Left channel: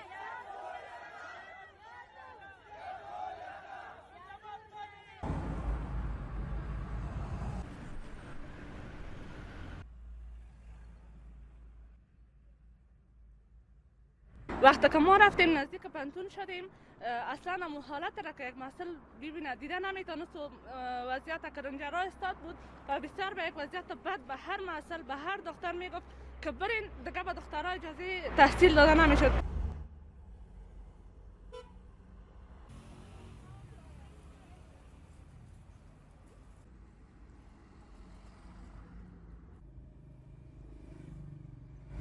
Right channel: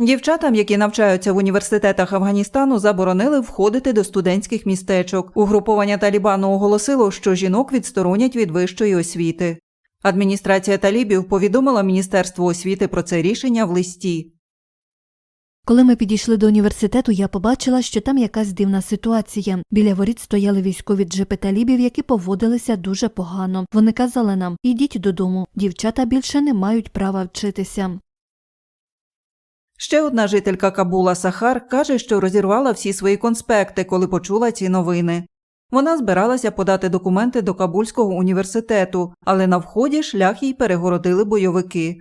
Дівчатам, які навчаються в університетах Афганістану, заборонили входити до студентських містечок. Угруповання Талібану оголосило, що жінок відсторонять від вищої освіти. Адміністрація Талібів повідомила Міністерству освіти про це рішення в листі. Коли ми підійшли до університету, я побачила, що там якась дивна ситуація. Біля воріт стояли військові джипи талібів, які поводилися дуже погано. Вони казали нам: ідіть додому, дівчата більше не мають права вчитися. Ще одна жителька Кабула Сахар каже, що розірвала всі свої конспекти, коли почула ці новини. Вона збиралася подати документи до Кабульського університету, але на вході шлях їй перегородили бойовики.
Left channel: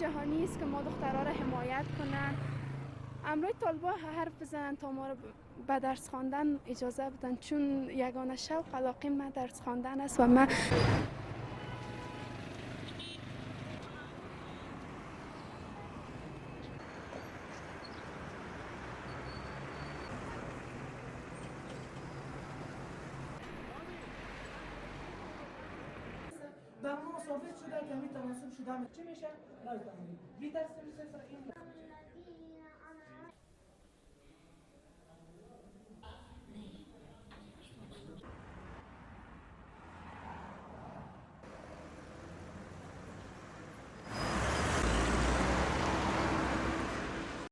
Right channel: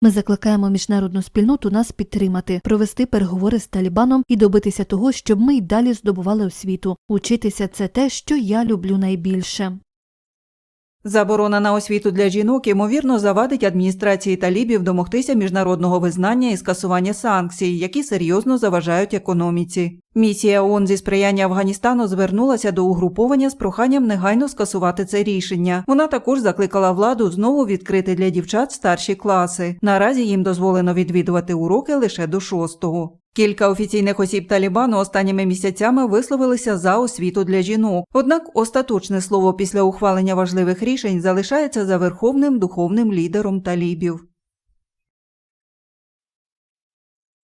Ми закликаємо міжнародну спільноту нас підтримати, провести переговори з Талібаном і добитися того, щоб ми й далі здобували освіту. Учитися це те, що я люблю найбільше. Заборона на освіту для жінок ймовірно завадить адміністрації талібів домогтися міжнародного визнання і скасування санкцій, які серйозно заважають економіці. Місія ООН зі сприяння Афганістану звернулася до угруповання з проханням негайно скасувати це рішення. Вона також закликала владу знову відкрити для дівчат старші класи. Наразі їм дозволено відвідувати уроки лише до шостого. Кілька офіційних осіб Талібану останніми місяцями висловилися за освіту для жінок. Однак остаточне слово після ухвалення важливих рішень залишається за верховним духовним лідером талібів.